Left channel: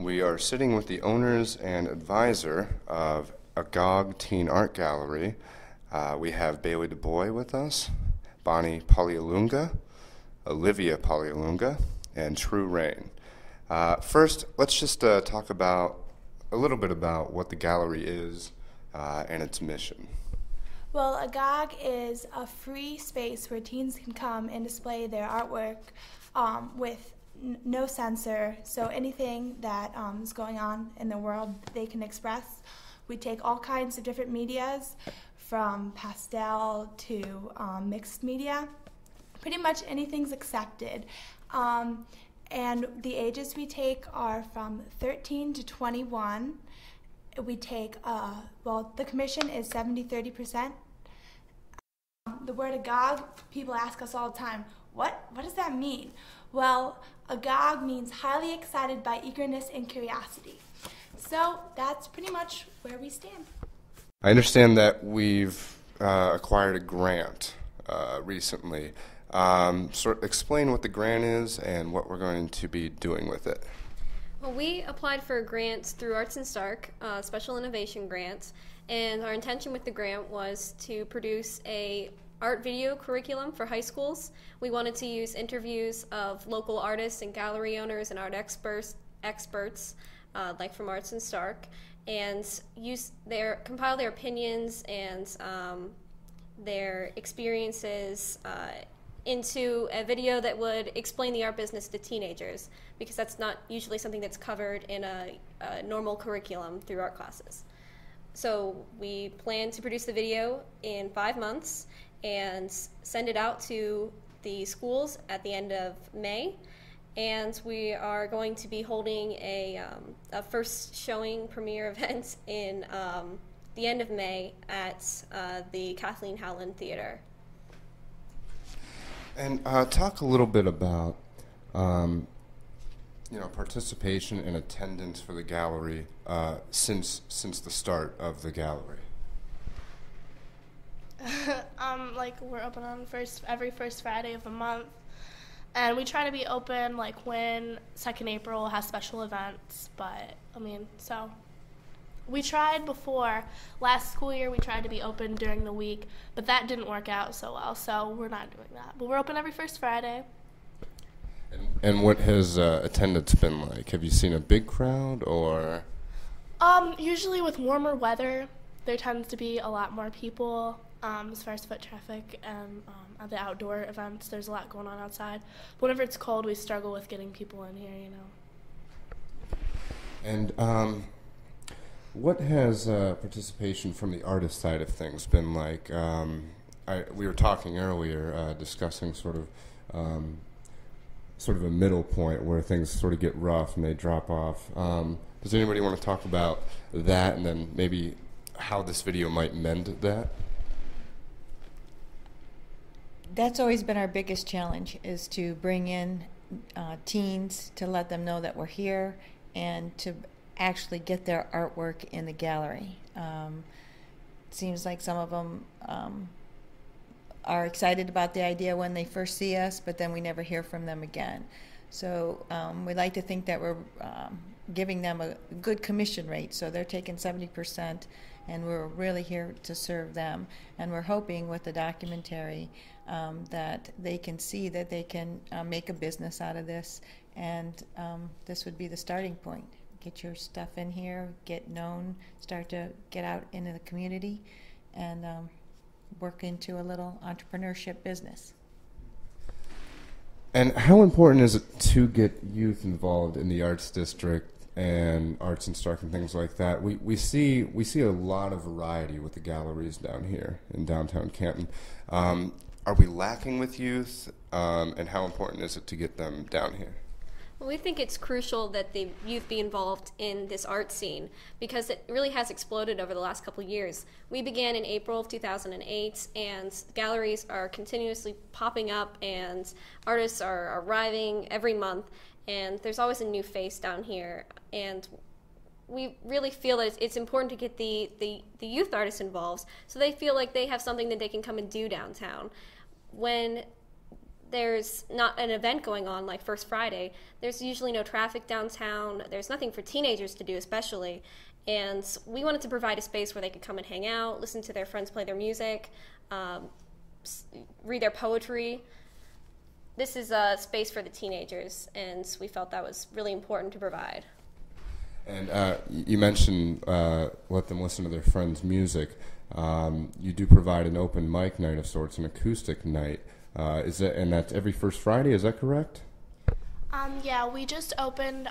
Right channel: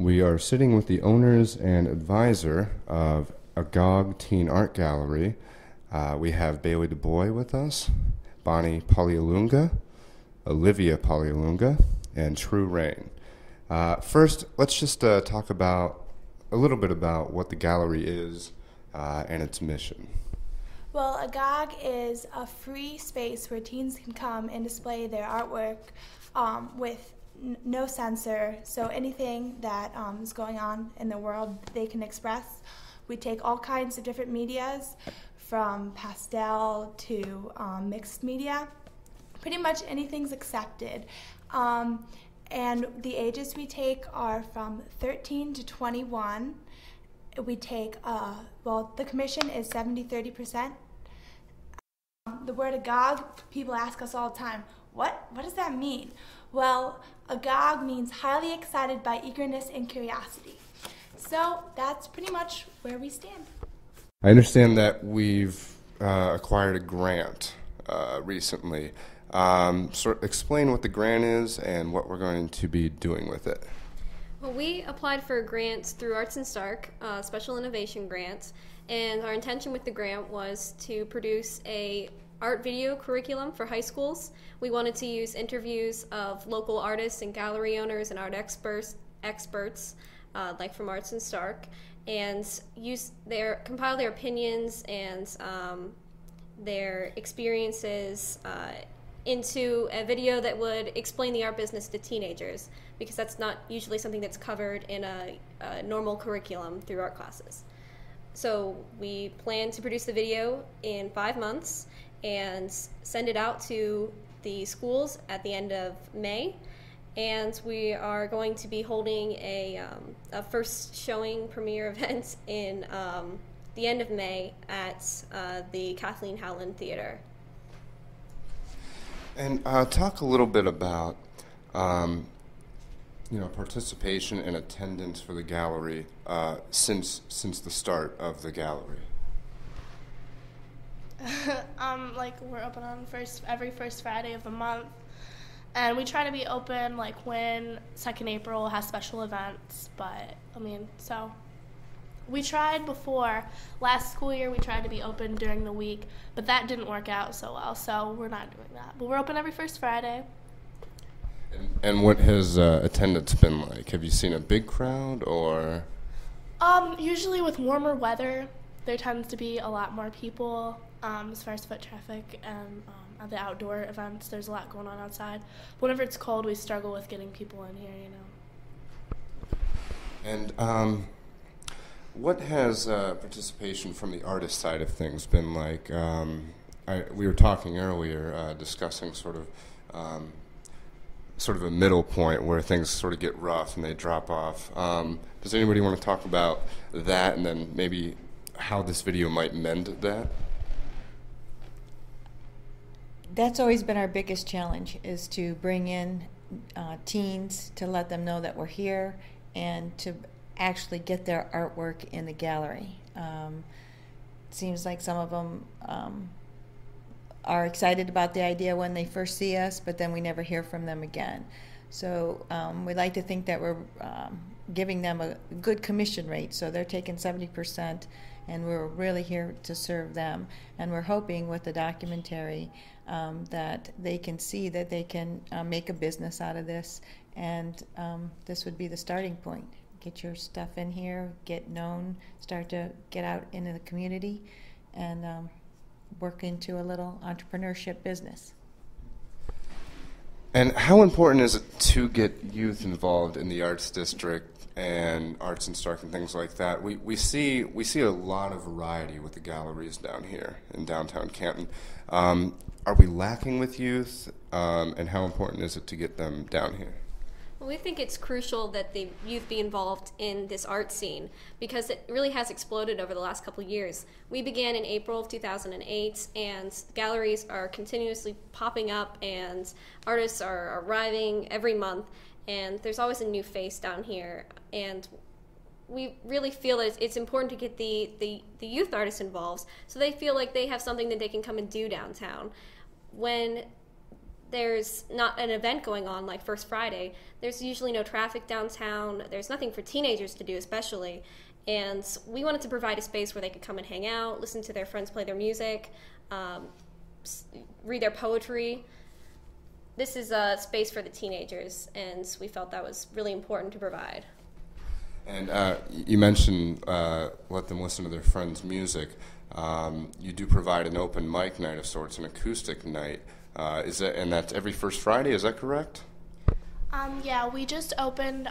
We are sitting with the owners and advisor of Agog Teen Art Gallery. We have Bailey DuBois with us, Bonnie Polyalunga, Olivia Polyalunga, and True Rain. First, let's just talk about a little bit about what the gallery is and its mission. Well, Agog is a free space where teens can come and display their artwork with no censor, so anything that is going on in the world they can express. We take all kinds of different medias, from pastel to mixed media. Pretty much anything's accepted. And the ages we take are from 13 to 21. We take, the commission is 70-30%. The word agog, people ask us all the time, what does that mean? Well, agog means highly excited by eagerness and curiosity. So that's pretty much where we stand. I understand that we've acquired a grant recently. Explain what the grant is and what we're going to be doing with it. Well, we applied for a grant through Arts and Stark, Special Innovation Grant, and our intention with the grant was to produce a art video curriculum for high schools. We wanted to use interviews of local artists and gallery owners and art experts like from Arts and Stark, and compile their opinions and their experiences into a video that would explain the art business to teenagers, because that's not usually something that's covered in a normal curriculum through art classes. So we plan to produce the video in 5 months and send it out to the schools at the end of May. And we are going to be holding a first showing premiere event in the end of May at the Kathleen Howland Theater. And talk a little bit about participation and attendance for the gallery since the start of the gallery. We're open on every first Friday of the month, and we try to be open when 2nd April has special events. But so we tried before last school year. We tried to be open during the week, but that didn't work out so well. So we're not doing that. But we're open every first Friday. And what has attendance been like? Have you seen a big crowd or? Usually with warmer weather, there tends to be a lot more people as far as foot traffic, and at the outdoor events, there's a lot going on outside. But whenever it's cold, we struggle with getting people in here, And what has participation from the artist side of things been like? We were talking earlier, discussing sort of a middle point where things sort of get rough and they drop off. Does anybody want to talk about that, and then maybe how this video might mend that? That's always been our biggest challenge, is to bring in teens, to let them know that we're here, and to actually get their artwork in the gallery. It seems like some of them are excited about the idea when they first see us, but then we never hear from them again. So we like to think that we're giving them a good commission rate, so they're taking 70%, and we're really here to serve them. And we're hoping with the documentary that they can see that they can make a business out of this, and this would be the starting point. Get your stuff in here, get known, start to get out into the community, and work into a little entrepreneurship business. And how important is it to get youth involved in the Arts District and Arts and Stark and things like that? We see a lot of variety with the galleries down here in downtown Canton. Are we lacking with youth, and how important is it to get them down here? Well, we think it's crucial that the youth be involved in this art scene, because it really has exploded over the last couple of years. We began in April of 2008, and galleries are continuously popping up, and artists are arriving every month, and there's always a new face down here. And we really feel that it's important to get the youth artists involved, so they feel like they have something that they can come and do downtown. When there's not an event going on like First Friday, there's usually no traffic downtown. There's nothing for teenagers to do, especially. And we wanted to provide a space where they could come and hang out, listen to their friends play their music, read their poetry. This is a space for the teenagers, and we felt that was really important to provide. And you mentioned let them listen to their friends' music. You do provide an open mic night of sorts, an acoustic night. And that's every first Friday, is that correct? Yeah, we just opened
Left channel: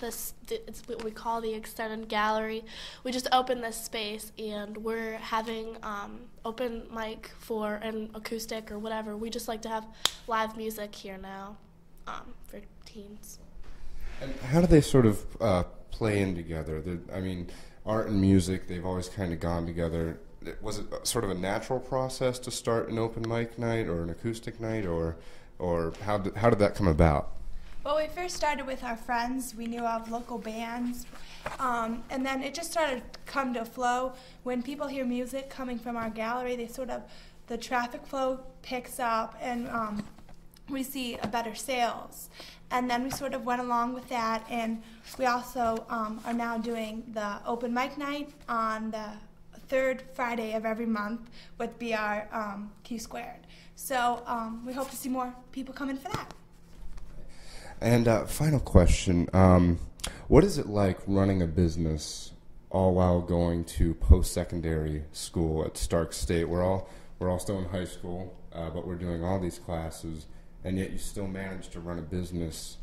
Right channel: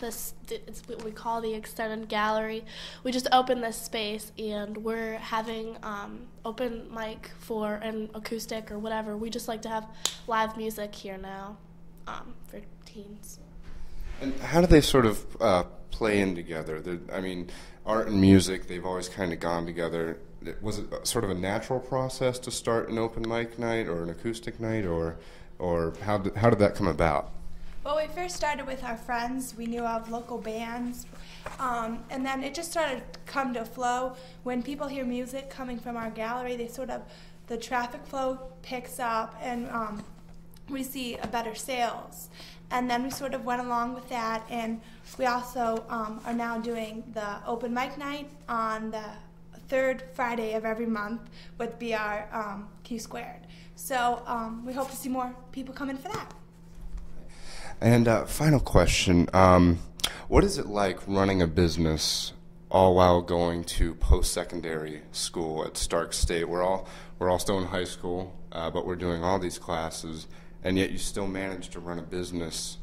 it's what we call the extended gallery. We just opened this space, and we're having open mic for an acoustic or whatever. We just like to have live music here now for teens. And how do they sort of play in together? I mean, art and music, they've always kind of gone together. Was it sort of a natural process to start an open mic night or an acoustic night, or how did that come about? Well, we first started with our friends. We knew of local bands, and then it just started to come to flow. When people hear music coming from our gallery, the traffic flow picks up, and we see a better sales. And then we sort of went along with that, and we also are now doing the open mic night on the third Friday of every month would be our Q squared. So we hope to see more people come in for that. And final question, what is it like running a business all while going to post-secondary school at Stark State? We're all still in high school, but we're doing all these classes, and yet you still manage to run a business.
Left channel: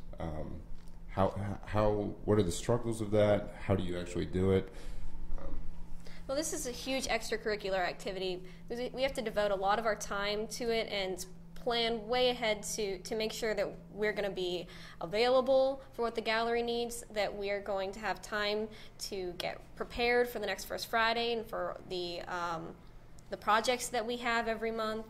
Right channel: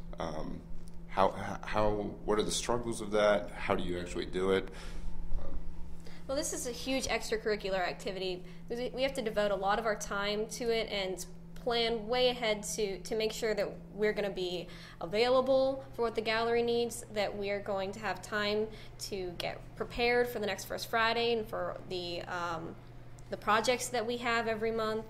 What are the struggles of that? How do you actually do it? Well, this is a huge extracurricular activity. We have to devote a lot of our time to it and plan way ahead to make sure that we're going to be available for what the gallery needs, that we're going to have time to get prepared for the next First Friday and for the projects that we have every month.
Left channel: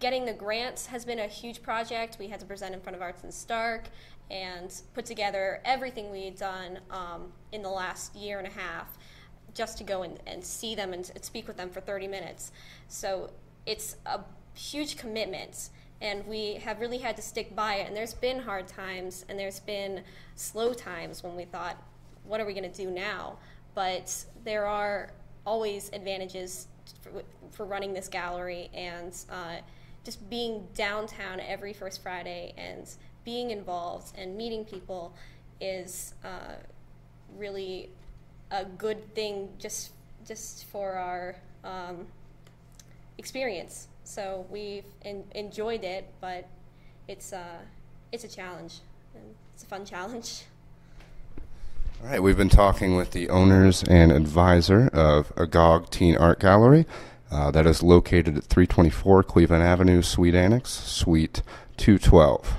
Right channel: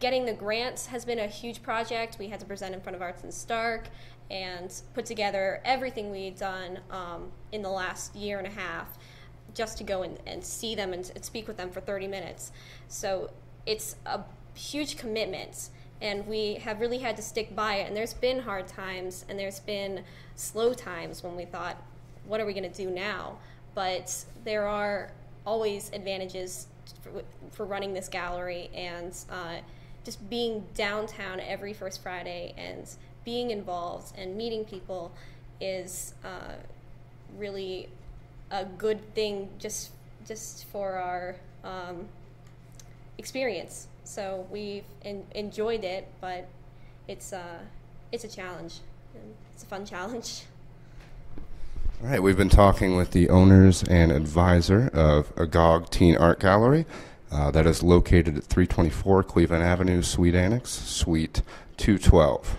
Getting the grants has been a huge project. We had to present in front of Arts and Stark and put together everything we had done in the last year and a half just to go and see them and speak with them for 30 minutes. So it's a huge commitment, and we have really had to stick by it. And there's been hard times, and there's been slow times when we thought, what are we going to do now? But there are always advantages for running this gallery, and just being downtown every First Friday and being involved and meeting people is really a good thing just for our experience. So we've enjoyed it, but it's a challenge, and it's a fun challenge. All right, we've been talking with the owners and advisor of Agog Teen Art Gallery that is located at 324 Cleveland Avenue, Suite Annex, Suite 212.